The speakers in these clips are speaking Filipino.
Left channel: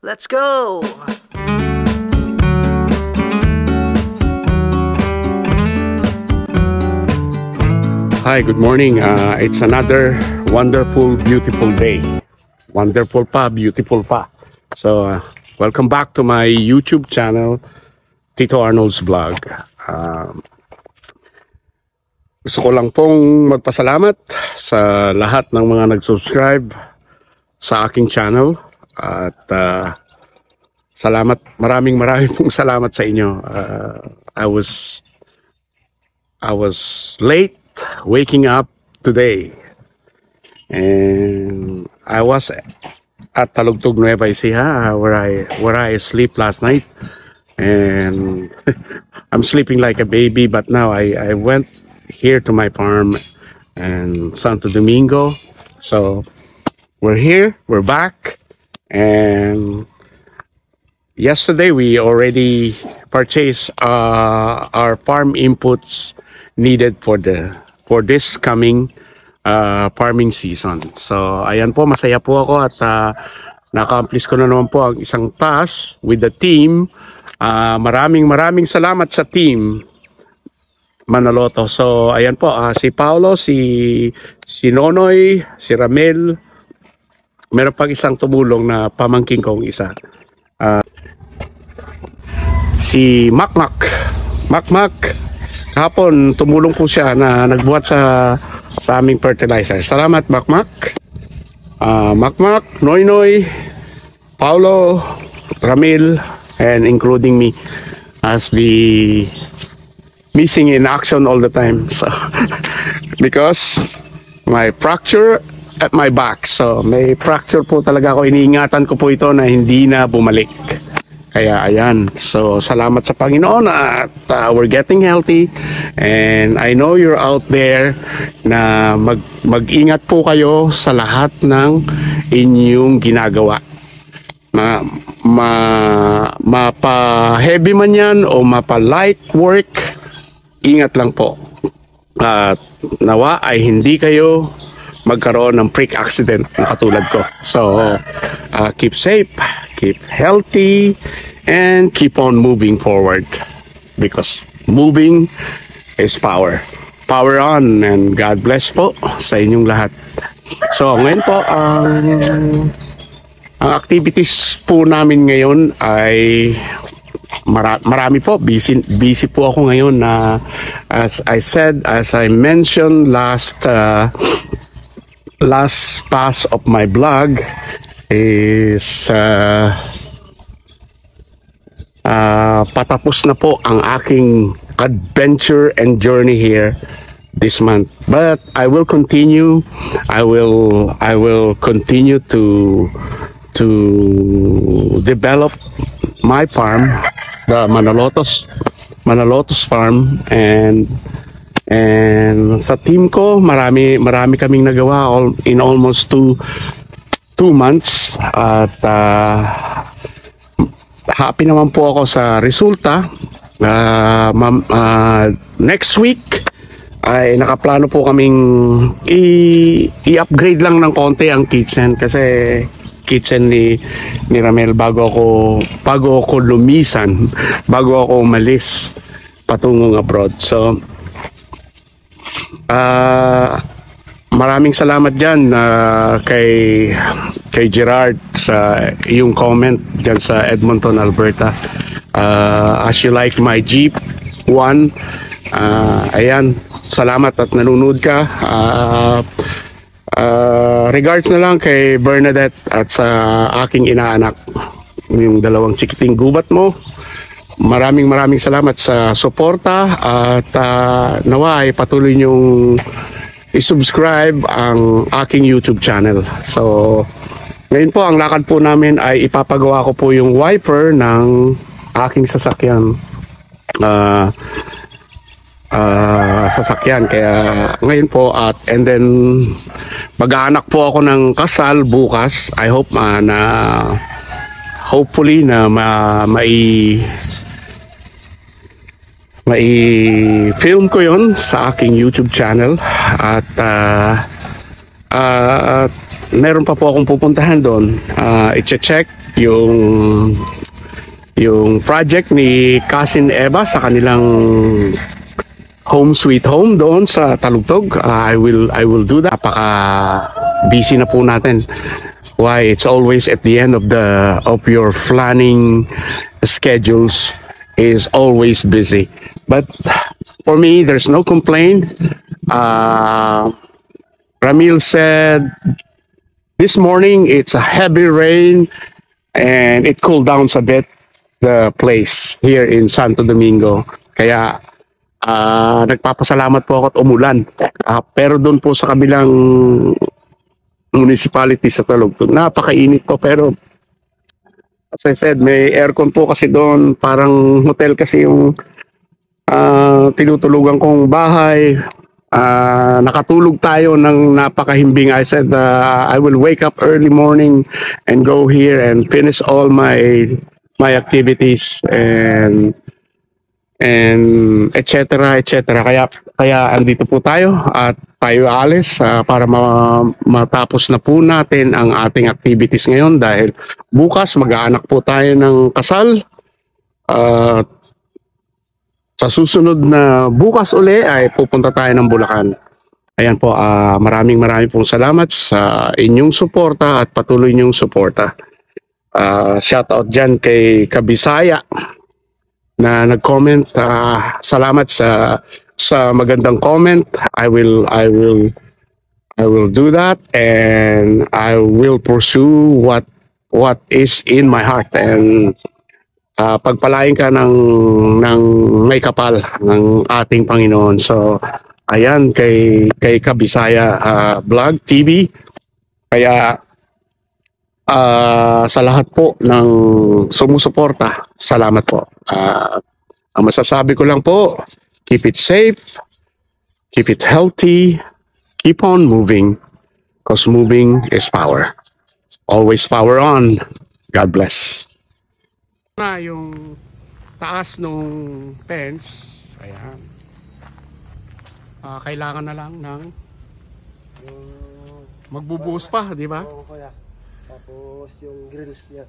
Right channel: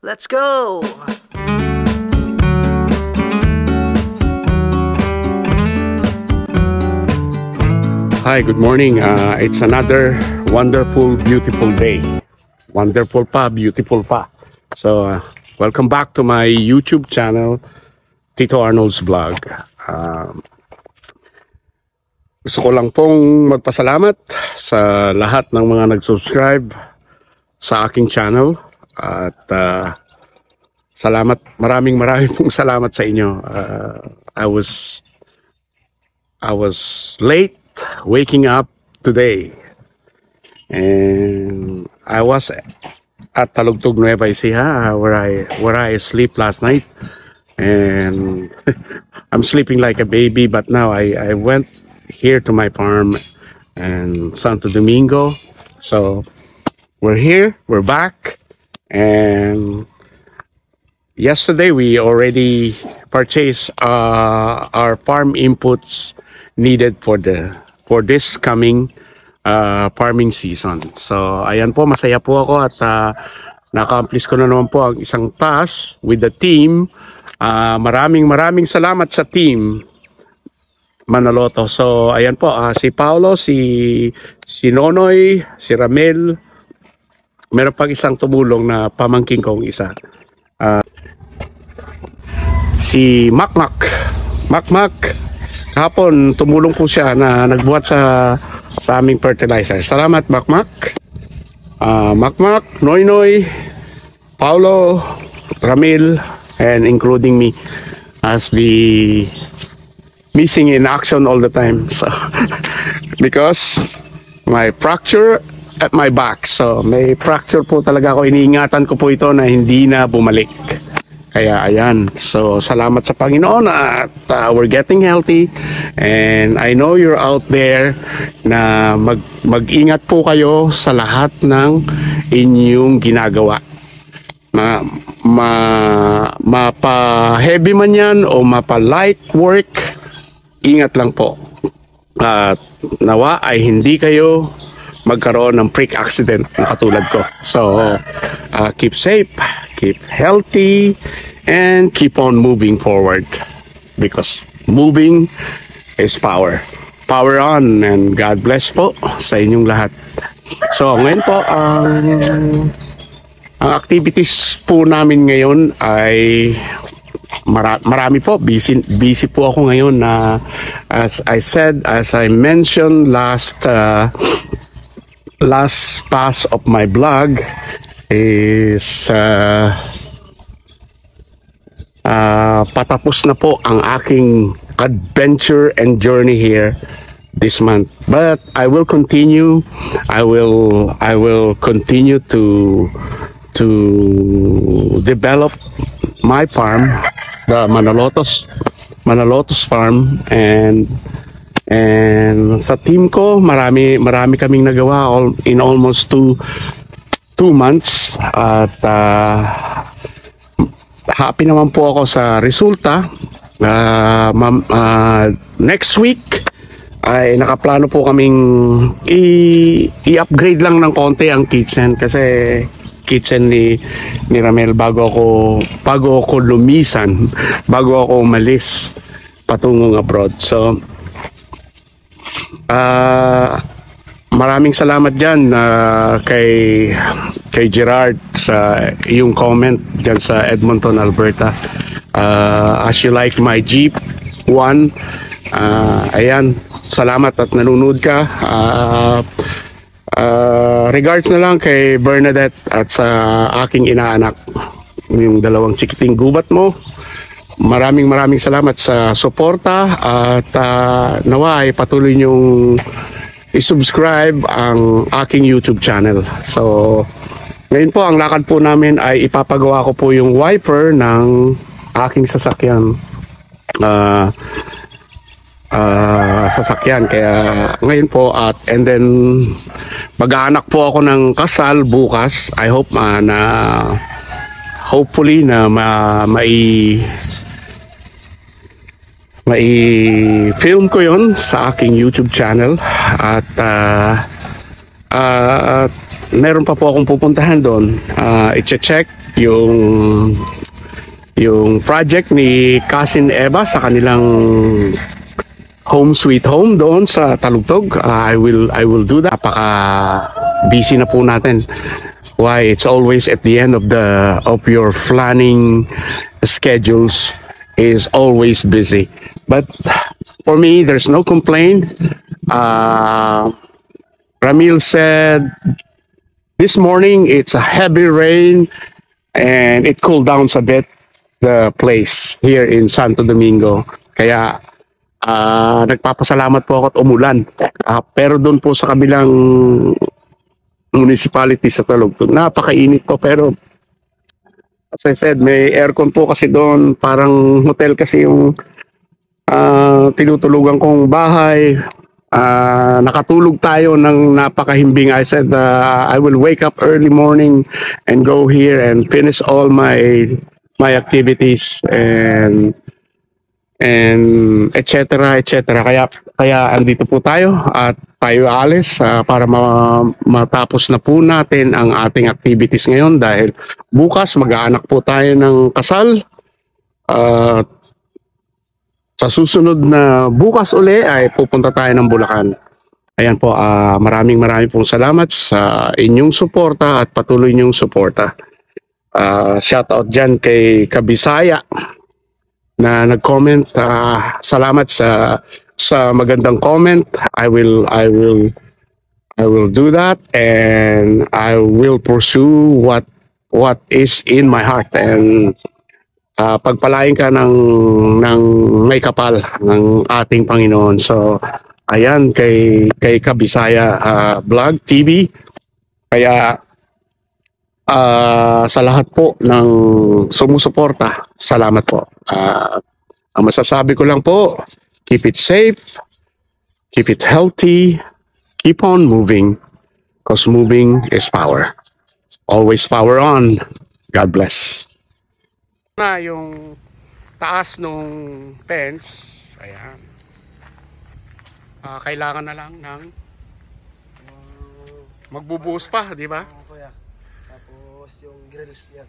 Let's go! Hi, good morning. It's another wonderful, beautiful day. Wonderful pa, beautiful pa. So, welcome back to my YouTube channel, Tito Arnold's Vlog. Gusto ko lang pong magpasalamat sa lahat ng mga nag-subscribe sa aking channel. At salamat, maraming pong salamat sa inyo. I was late waking up today, and I was at Talugtog, Nueva Ecija, where I sleep last night, and I'm sleeping like a baby. But now I went here to my farm and Santo Domingo. So we're here, we're back, and yesterday we already purchased our farm inputs needed for this coming farming season. So ayan po, masaya po ako at na-accomplish ko na naman po ang isang task with the team. Maraming salamat sa team Manaloto. So ayan po, si Paolo, si Nonoy, si Ramel, meron pang isang tumulong na pamangking kong isa, si Makmak. Hapon tumulong po siya na nagbuhat sa aming fertilizer. Salamat Makmak. Makmak, Noynoy, Paulo, Ramil, and including me as the missing in action all the time. So because my fracture at my back. So may fracture po talaga ako. Iniingatan ko po ito na hindi na bumalik. Kaya ayan, so salamat sa Panginoon at we're getting healthy, and I know you're out there na mag-ingat po kayo sa lahat ng inyong ginagawa. Mapa-heavy man yan o mapa-light work, ingat lang po. At nawa ay hindi kayo magkaroon ng freak accident na katulad ko. So keep safe, keep healthy, and keep on moving forward, because moving is power. Power on, and God bless po sa inyong lahat. So ngayon po, ang activities po namin ngayon ay marami po. Busy po ako ngayon na as I mentioned last pass of my vlog is patapos na po ang aking adventure and journey here this month, but I will continue. I will continue to develop my farm, the Manalotos farm, and sa team ko marami kaming nagawa in almost two months, at happy naman po ako sa resulta. Next week ay nakaplano po kaming i-upgrade lang ng konti ang kitchen, kasi kitchen ni Ramel bago ako lumisan, bago ako umalis patungong abroad. So maraming salamat dyan kay Gerard sa iyong comment dyan sa Edmonton, Alberta. As you like my Jeep 1, ayan, salamat at nanonood ka. Regards na lang kay Bernadette at sa aking inaanak, yung dalawang chikiting gubat mo. Maraming salamat sa suporta, at nawa ay patuloy niyong i-subscribe ang aking YouTube channel. So ngayon po, ang lakad po namin ay ipapagawa ko po yung wiper ng aking sasakyan. Kaya ngayon po, and then mag-aanak po ako ng kasal bukas. I hope hopefully na mai-film ko yon sa aking YouTube channel, at meron pa po akong pupuntahan doon. I-check yung project ni Cousin Eva sa kanilang home sweet home doon sa Talugtog. I will do that. Napaka busy na po natin. Why it's always at the end of your planning schedules is always busy. But for me, there's no complaint. Ramil said this morning it's a heavy rain and it cooled down a bit the place here in Santo Domingo. Kaya nagpapasalamat po ako at umulan. Pero doon po sa kabilang municipality sa Talugtog, napakainit po, pero as I said, may aircon po kasi doon, parang hotel kasi yung tinutulugan kong bahay. Nakatulog tayo ng napakahimbing. I said I will wake up early morning and go here and finish all my activities and etc. Kaya andito po tayo at tayo alis para matapos na po natin ang ating activities ngayon dahil bukas mag-aanak po tayo ng kasal. Sa susunod na bukas uli ay pupunta tayo ng Bulacan. Ayan po, maraming pong salamat sa inyong suporta at patuloy niyong suporta. Shout out dyan kay Kabisaya na nag-comment. Salamat sa magandang comment. I will do that and I will pursue what is in my heart, and pagpalain ka ng may kapal ng ating Panginoon. So ayan, kay Kabisaya Vlog TV. Kaya sa lahat po ng sumusuporta, salamat po. Ang masasabi ko lang po, keep it safe, keep it healthy, keep on moving, because moving is power. Always power on. God bless. Na yung taas nung fence, ayan. Kailangan na lang ng magbubuhos pa, di ba? Yung grills niya.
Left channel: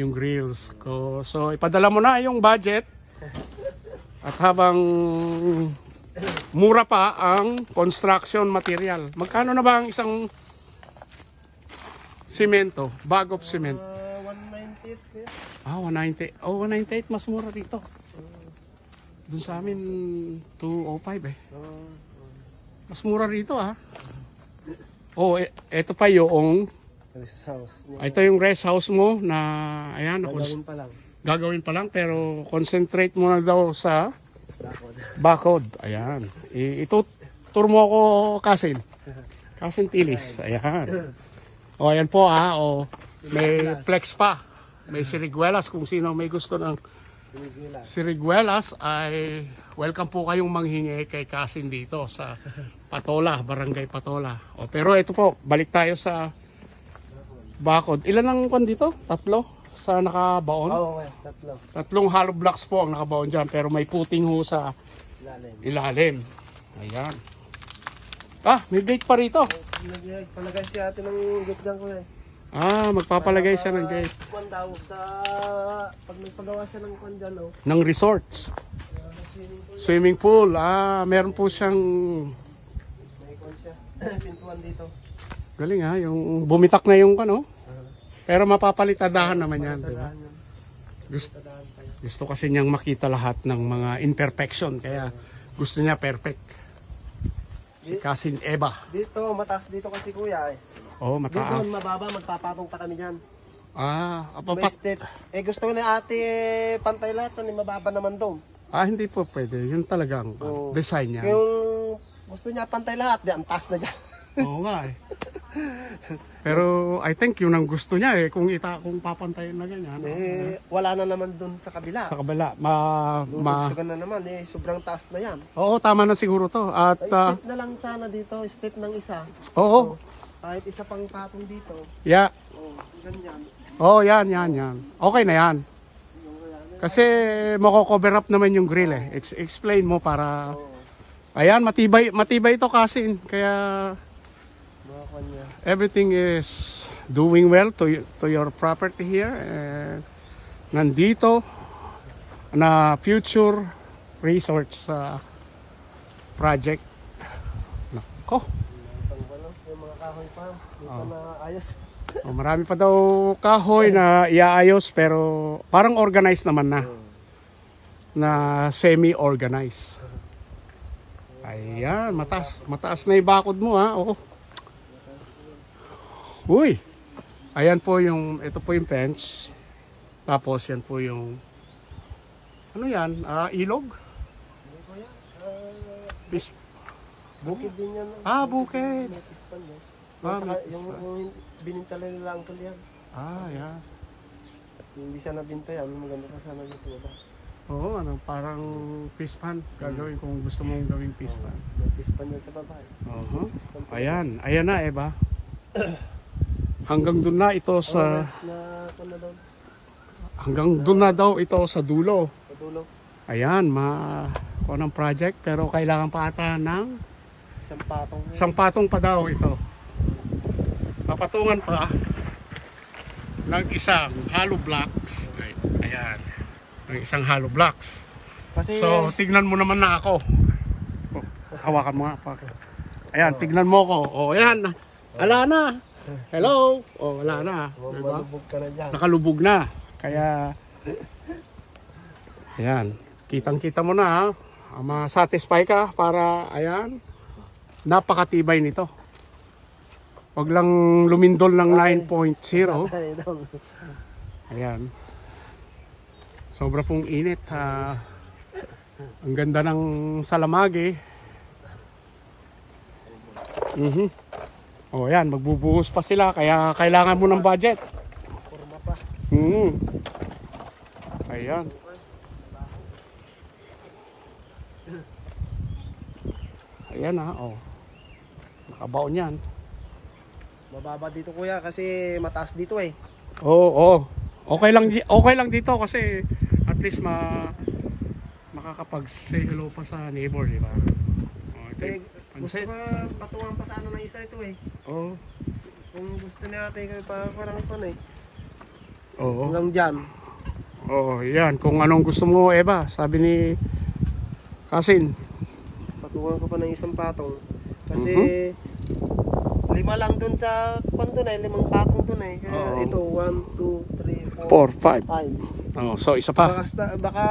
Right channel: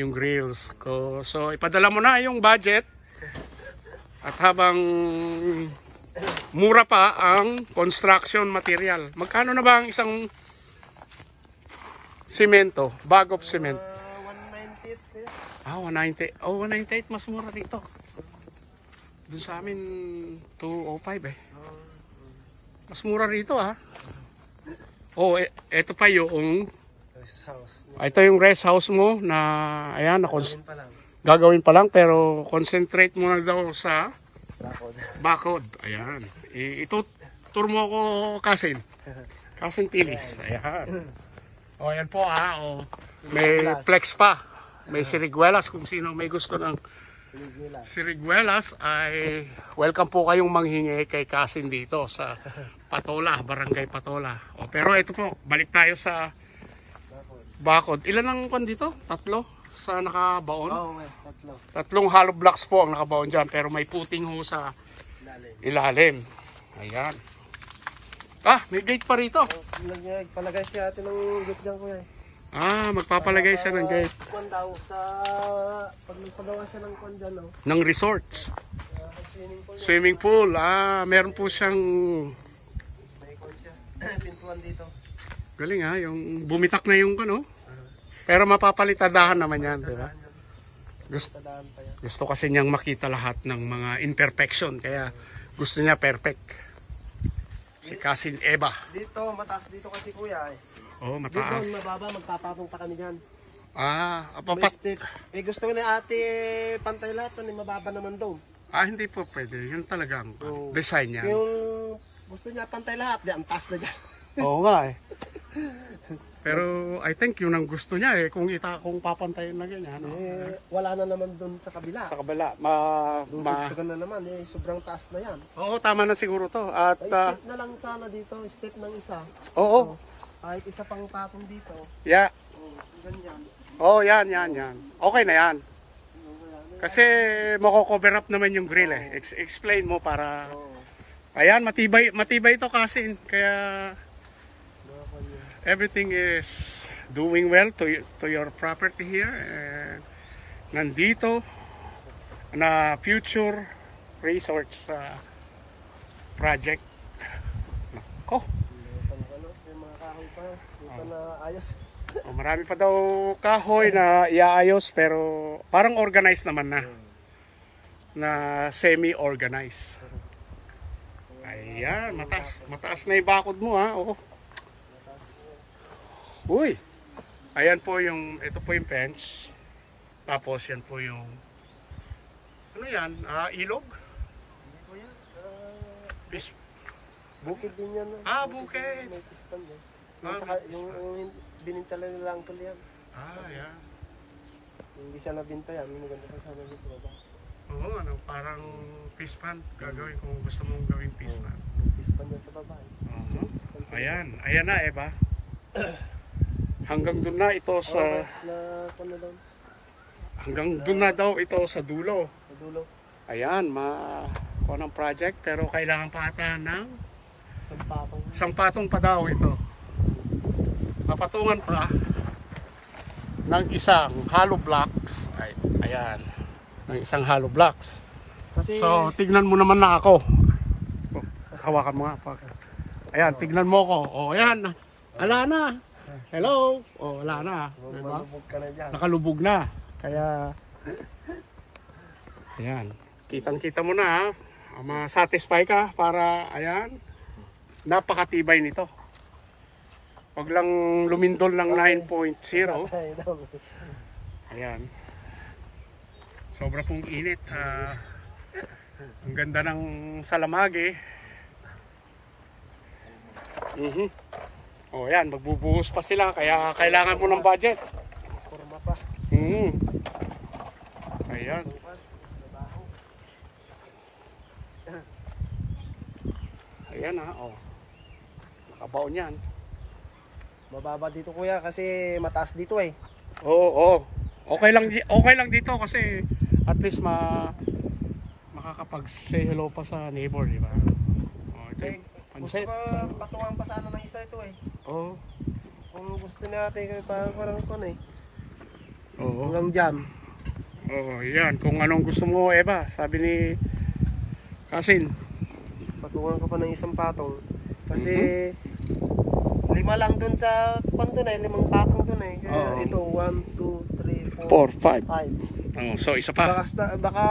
Yung grills ko. So ipadala mo na yung budget. At habang mura pa ang construction material. Magkano na ba ang isang semento? Bag of cement? 198 kaya. 190. Oh, 198 mas mura dito. Dun sa amin 205 eh. Mas mura rito Oh, ito pa yung ito yung rest house mo na ayan, gagawin pa lang pero concentrate mo na daw sa bakod. Ayan. Tour mo ako Cousin Tilis. Ayan. Ayan po may flex pa. May siriguelas kung sino may gusto ng siriguelas ay welcome po kayong manghingi kay Cousin dito sa Patola, Barangay Patola. Pero ito po, balik tayo sa bakod. Ilan ang kon dito? 3 sa nakabaon? Oo, 3. 3 hollow blocks po ang nakabaon dyan. Pero may puting ho sa ilalim. Ayan. May gate pa rito. Palagay siya ito ng gate dyan ko magpapalagay siya ng gate. Pag nagpagawa siya ng kwan dyan, ng resorts. Swimming pool. Meron po siyang dito. Galing yung bumitak na yung pero mapapalitadahan naman yan, di ba? Gusto kasi niyang makita lahat ng mga imperfection, kaya gusto niya perfect. Si Cousin Eva. Dito, mataas dito kasi kuya mataas. Dito, mababa, magpapatong pa kami dyan. May step. Gusto ko na ate pantay lahat na mababa naman doon. Hindi po pwede. Yun talagang design niya. Yung gusto niya pantay lahat, di ang taas na dyan. Oo nga Pero I think yun ang gusto niya kung papantayin na ganyan. Wala na naman doon sa kabila. Sa kabila. Dudugtugan na naman sobrang taas na yan. Oo, tama na siguro to. At step na lang sana dito, step ng isa. Oo. Kahit isa pang patong dito. Yeah. Ganyan. Yan. Okay na yan. Kasi mako-cover up naman yung grill Explain mo para Ayan, matibay ito kasi. Kaya everything is doing well to your property here. And nandito na future resorts project. Ko. Yung mga kahoy pa. Ayos. Marami pa daw kahoy na iaayos pero parang organized naman na. Na semi-organized. Ayan, mataas na yung bakod mo ha. Oh. Uy. Ayan po ito po yung fence. Tapos yan po yung ano yan? Ilog? Bukid din yan. Bukid. May pispan. Yung binintala nila ang tulihan. Yan. Yung hindi siya nabinto yan. Maganda pa sana dito. Oo, parang fish pan gagawin kung gusto mong gawing fish pan. Pispan yan sa baba. Ayan na ba? Hanggang doon na ito sa hanggang doon na daw ito sa dulo. Ayan, unang project pero kailangan pa ata ng isang patong pa daw ito. Papatungan pa ng isang hollow blocks. Ayan. Ng isang hollow blocks. So, tignan mo naman na ako. Hawakan mo nga. Ayan, tignan mo ko. Ayan. Ala na. Hello. Wala na. Diba? Nakalubog na. Kaya, ayan. Kitang-kita mo na. Ma-satisfy ka para, ayan. Napakatibay nito. Wag lang lumindol ng 9.0. Ayan. Sobra pong init. Ang ganda ng salamagi. Yan, magbubuhos pa sila kaya kailangan mo ng budget. Ayan. Ayan nakabaon yan. Mababa dito kuya kasi mataas dito eh. Oo. Okay lang dito kasi at least makakapag-say hello pa sa neighbor, di ba? Gusto ko patungan pa sana ng isa ito eh. Oo. Kung gusto natin parang ito eh. Oo. Hanggang dyan. Yan. Kung anong gusto mo, Eva, sabi ni Kasin. Patungan ko pa ng isang patong. Kasi 5 lang dun sa panto na, 5 patong dun eh. Kaya ito 1, 2, 3, 4, 5. So isa pa. Baka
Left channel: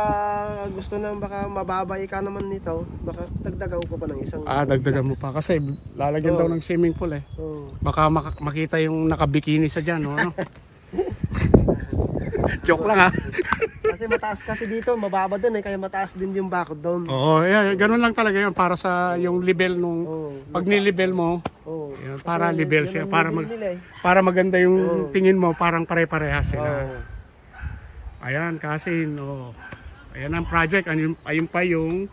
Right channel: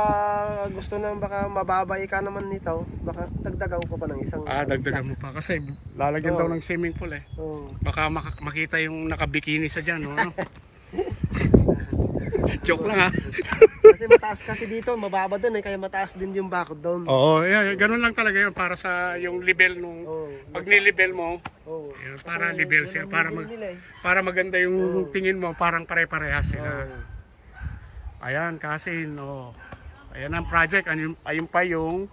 gusto na baka mababay ka naman nito. Baka dagdagan ko pa ng isang. Dagdagan mo pa kasi lalagyan daw ng swimming pool eh. Baka makita yung nakabikini sa diyan, no? Joke lang ha. Kasi mataas kasi dito, mababa doon eh, kaya mataas din yung bakod doon. Ganun lang talaga yun para sa yung level nung pag ni-level mo. Yan, para level siya, para maganda yung tingin mo, parang pare-parehas sila. Ayan kasi ayan ang project, ayun pa yung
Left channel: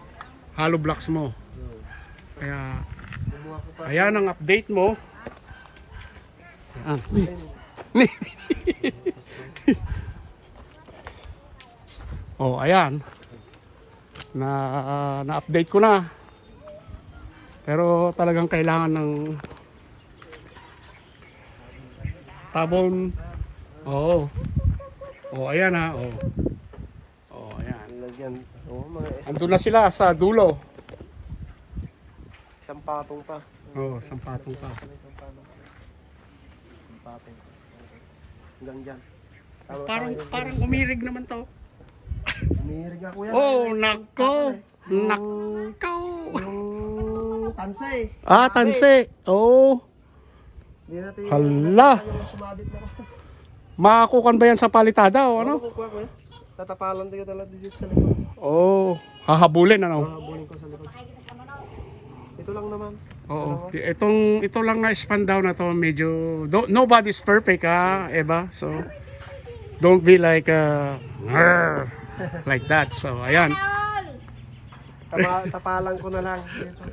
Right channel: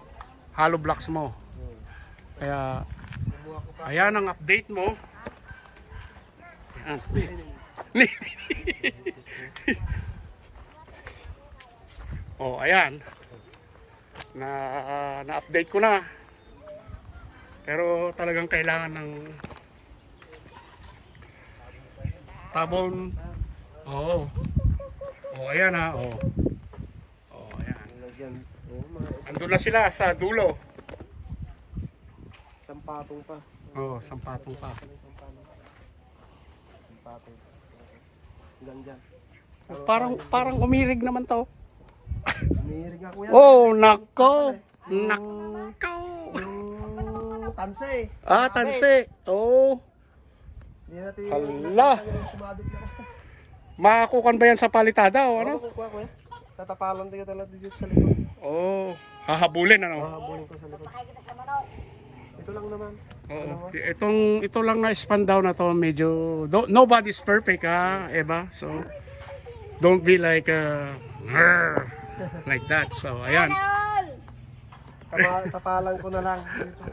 hollow blocks mo. Kaya ayan ang update mo. Ayan. Na-update ko na. Pero talagang kailangan ng tabon. Ayan ha. Ayan. Andun na sila sa dulo. Isang patong pa. Isang patong pa. Hanggang dyan. Parang umirig naman to. Umirig nga kuya. Nako. Yung tanse. Tanse. Hala. Yung sumabit na. Makakukan ba yan sa palitada o ano? Kuya. Tatapalan tayo talaga dito sa likod. Hahabulin ano? Hahabulin ko sa likod. Ito lang naman. Ito lang na span down na to medyo nobody's perfect Eva. So don't be like like that. So ayan. Tapalan ko na lang dito.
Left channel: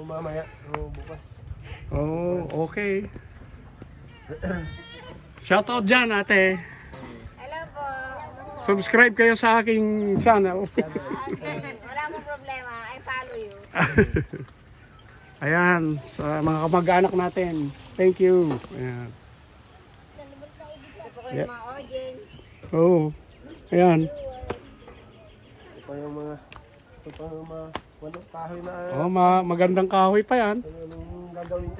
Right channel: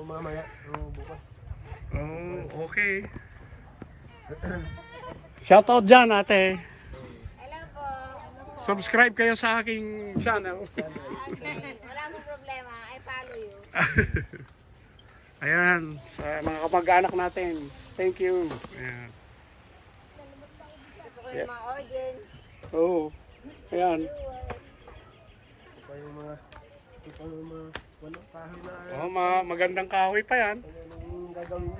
Mamaya. Bukas. Okay. Shoutout dyan ate. Hello po. Subscribe kayo sa aking channel. Wala mong problema. I follow you. Ayan, sa mga kamag-anak natin. Thank you. Ayan. Ito po kayo mga audience. Oh. Ayan. Ito pa yung mga wala kahoy na Oh, magandang kahoy pa yan. anong gagawin.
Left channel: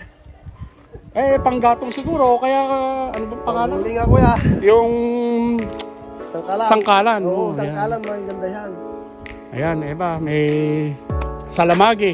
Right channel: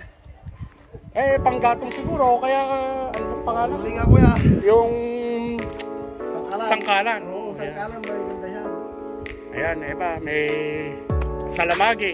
Panggatong siguro, kaya anong pangalan? Huli nga kuya. Yung Sangkalan. sangkalan. Oo, Oh, sangkalan, may ganda yan. Ayan, ba, may salamagi.